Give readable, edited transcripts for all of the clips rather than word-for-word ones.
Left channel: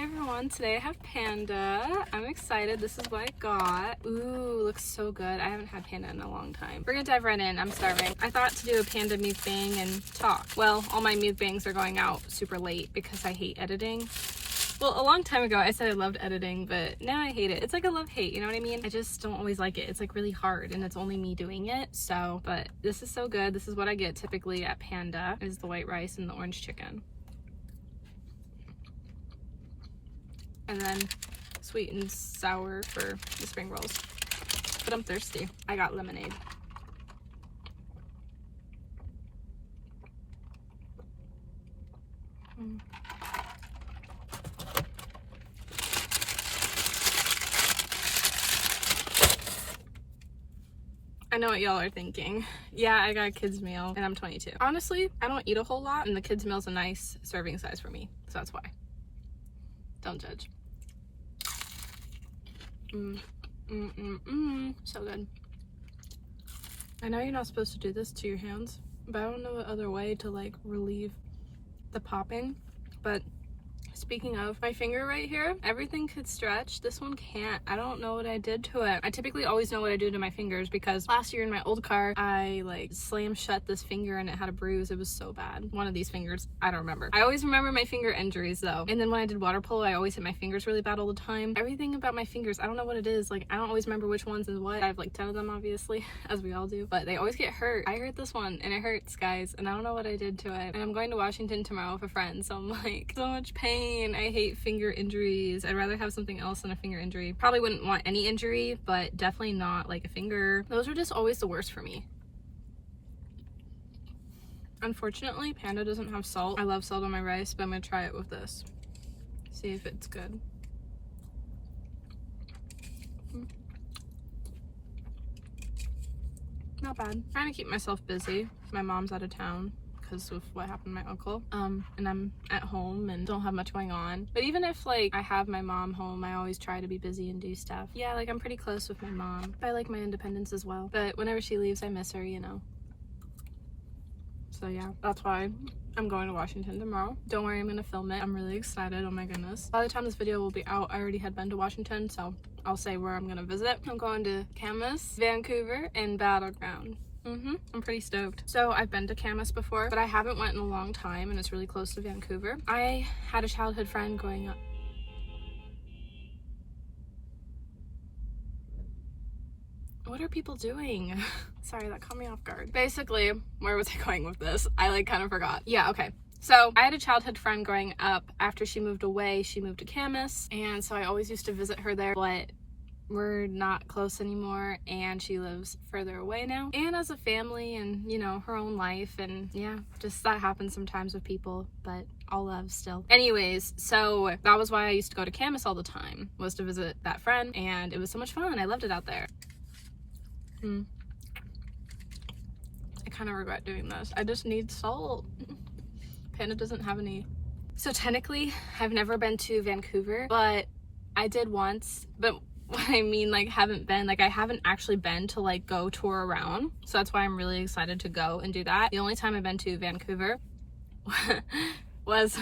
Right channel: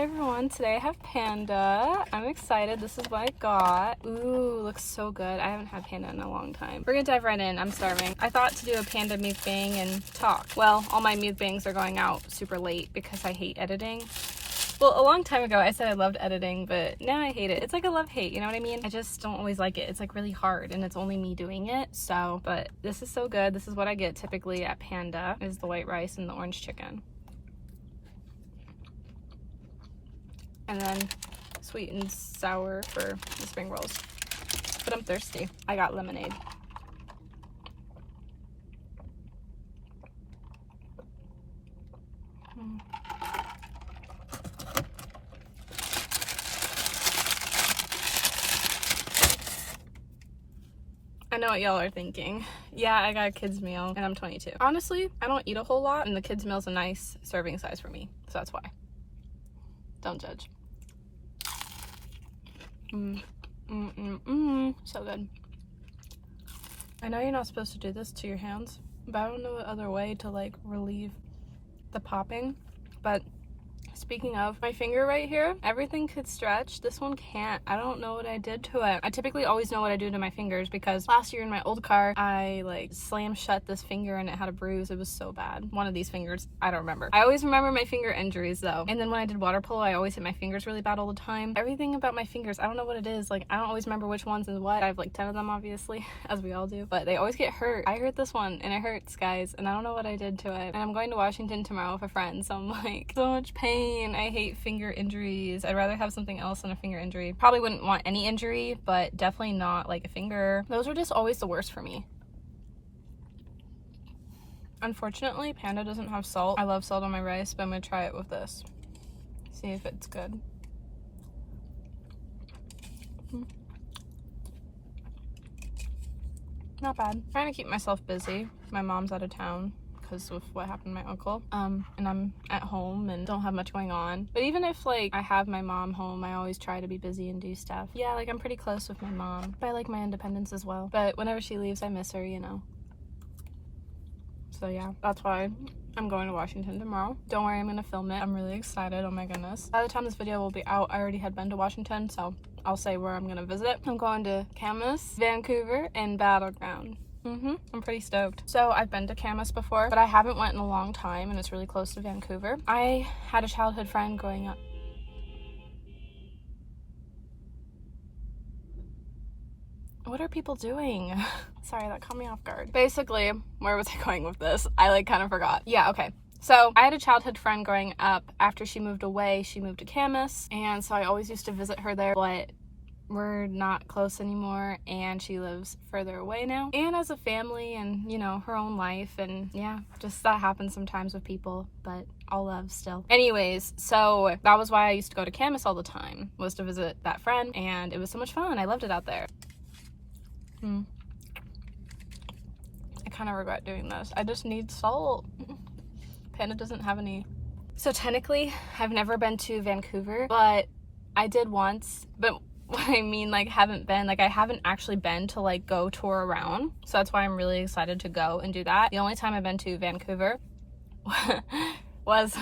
everyone, today I have Panda. I'm excited. This is what I got. Ooh, looks so good. I haven't had Panda in a long time. We're gonna dive right in. I'm starving. I thought to do a Panda mukbang and talk. Well, all my mukbangs are going out super late because I hate editing. Well, a long time ago I said I loved editing, but now I hate it. It's like a love-hate, you know what I mean? I just don't always like it. It's like really hard and it's only me doing it. So, but this is so good. This is what I get typically at Panda, is the white rice and the orange chicken. And then sweet and sour for the spring rolls. But I'm thirsty. I got lemonade. I know what y'all are thinking. Yeah, I got a kid's meal and I'm 22. Honestly, I don't eat a whole lot and the kid's meal's a nice serving size for me. So that's why. Don't judge. So good. I know you're not supposed to do this to your hands, but I don't know what other way to like relieve the popping. But speaking of, my finger right here, everything could stretch. This one can't. I don't know what I did to it. I typically always know what I do to my fingers because last year in my old car, I like slammed shut this finger and it had a bruise. It was so bad. One of these fingers, I don't remember. I always remember my finger injuries though. And then when I did water polo, I always hit my fingers really bad all the time. Everything about my fingers, I don't know what it is. Like, I don't always remember which ones and what. I have like 10 of them obviously, as we all do, but they always get hurt. I hurt this one and it hurts, guys, and I don't know what I did to it. And I'm going to Washington tomorrow with a friend, so I'm like, so much pain. I hate finger injuries. I'd rather have something else than a finger injury. Probably wouldn't want any injury, but definitely not like a finger. Those are just always the worst for me. Unfortunately, Panda doesn't have salt. I love salt on my rice, but I'm gonna try it with this. See if it's good. Not bad. Trying to keep myself busy. My mom's out of town because of what happened to my uncle, and I'm at home and don't have much going on. But even if like I have my mom home, I always try to be busy and do stuff. Yeah, like I'm pretty close with my mom, but I like my independence as well. But whenever she leaves, I miss her, you know. So yeah, that's why I'm going to Washington tomorrow. Don't worry, I'm gonna film it. I'm really excited. Oh my goodness. By the time this video will be out, I already had been to Washington, so I'll say where I'm gonna visit. I'm going to Camas, Vancouver, and Battleground. I'm pretty stoked. So I've been to Camas before, but I haven't went in a long time and it's really close to Vancouver. I had a childhood friend growing up. What are people doing? Sorry, that caught me off guard. Basically, where was I going with this? I like kind of forgot. Yeah, okay. So I had a childhood friend growing up. After she moved away, she moved to Camas, and so I always used to visit her there, but we're not close anymore and she lives further away now and has a family and, you know, her own life, and yeah, just that happens sometimes with people, but all love still. Anyways, so that was why I used to go to Camas all the time, was to visit that friend, and it was so much fun. I loved it out there. I kind of regret doing this. I just need salt. Panda doesn't have any. So technically I've never been to Vancouver, but I did once. But what I mean, like, haven't been, like, I haven't actually been to like go tour around, so that's why I'm really excited to go and do that. The only time I've been to Vancouver was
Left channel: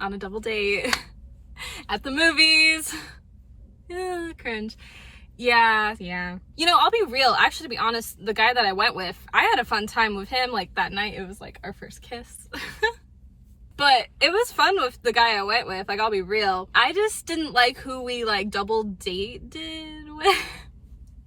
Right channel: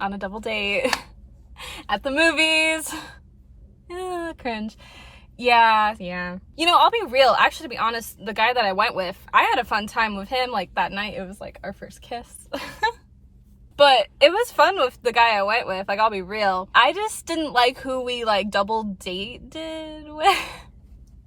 on a double date at the movies. Cringe. Yeah. You know, I'll be real. Actually, to be honest, the guy that I went with, I had a fun time with him. Like, that night, it was like our first kiss. But it was fun with the guy I went with, like, I'll be real. I just didn't like who we, like, double dated with.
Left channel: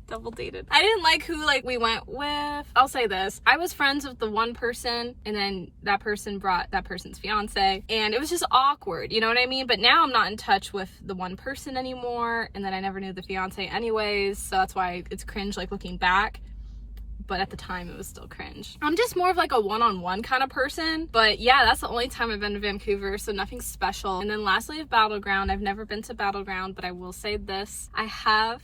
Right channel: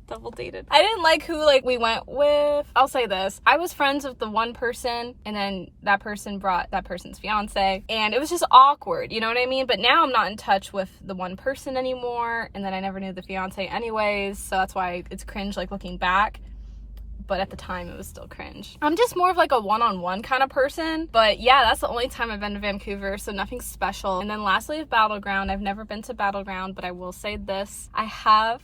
Double dated. I didn't like who, like, we went with. I'll say this. I was friends with the one person, and then that person brought that person's fiance, and it was just awkward, you know what I mean? But now I'm not in touch with the one person anymore, and then I never knew the fiance anyways, so that's why it's cringe, like, looking back. But at the time it was still cringe. I'm just more of like a one-on-one kind of person, but yeah, that's the only time I've been to Vancouver, so nothing special. And then lastly, Battleground. I've never been to Battleground, but I will say this, I have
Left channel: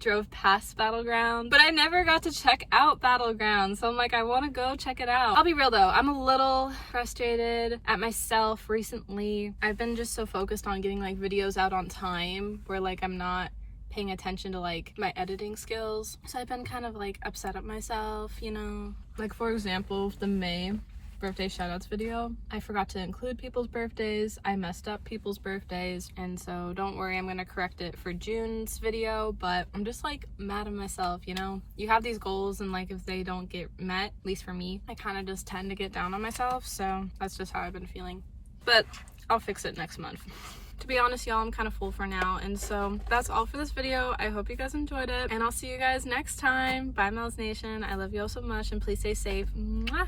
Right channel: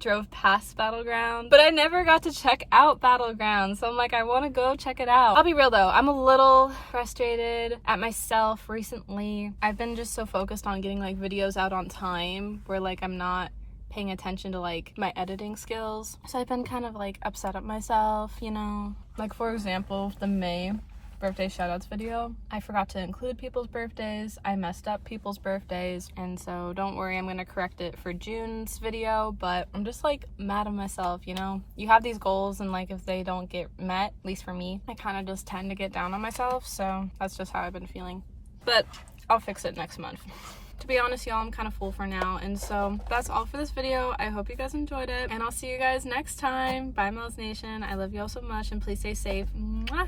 drove past Battleground, but I never got to check out Battleground, so I'm like, I want to go check it out. I'll be real though, I'm a little frustrated at myself recently. I've been just so focused on getting like videos out on time, where like I'm not paying attention to like my editing skills, so I've been kind of like upset at myself, you know. Like, for example, the May birthday shoutouts video. I forgot to include people's birthdays. I messed up people's birthdays, and so don't worry, I'm gonna correct it for June's video, but I'm just like mad at myself, you know? You have these goals, and like if they don't get met, at least for me, I kind of just tend to get down on myself, so that's just how I've been feeling. But I'll fix it next month. To be honest, y'all, I'm kind of full for now, and so that's all for this video. I hope you guys enjoyed it, and I'll see you guys next time. Bye, Mels Nation. I love you all so much, and please stay safe. Mwah!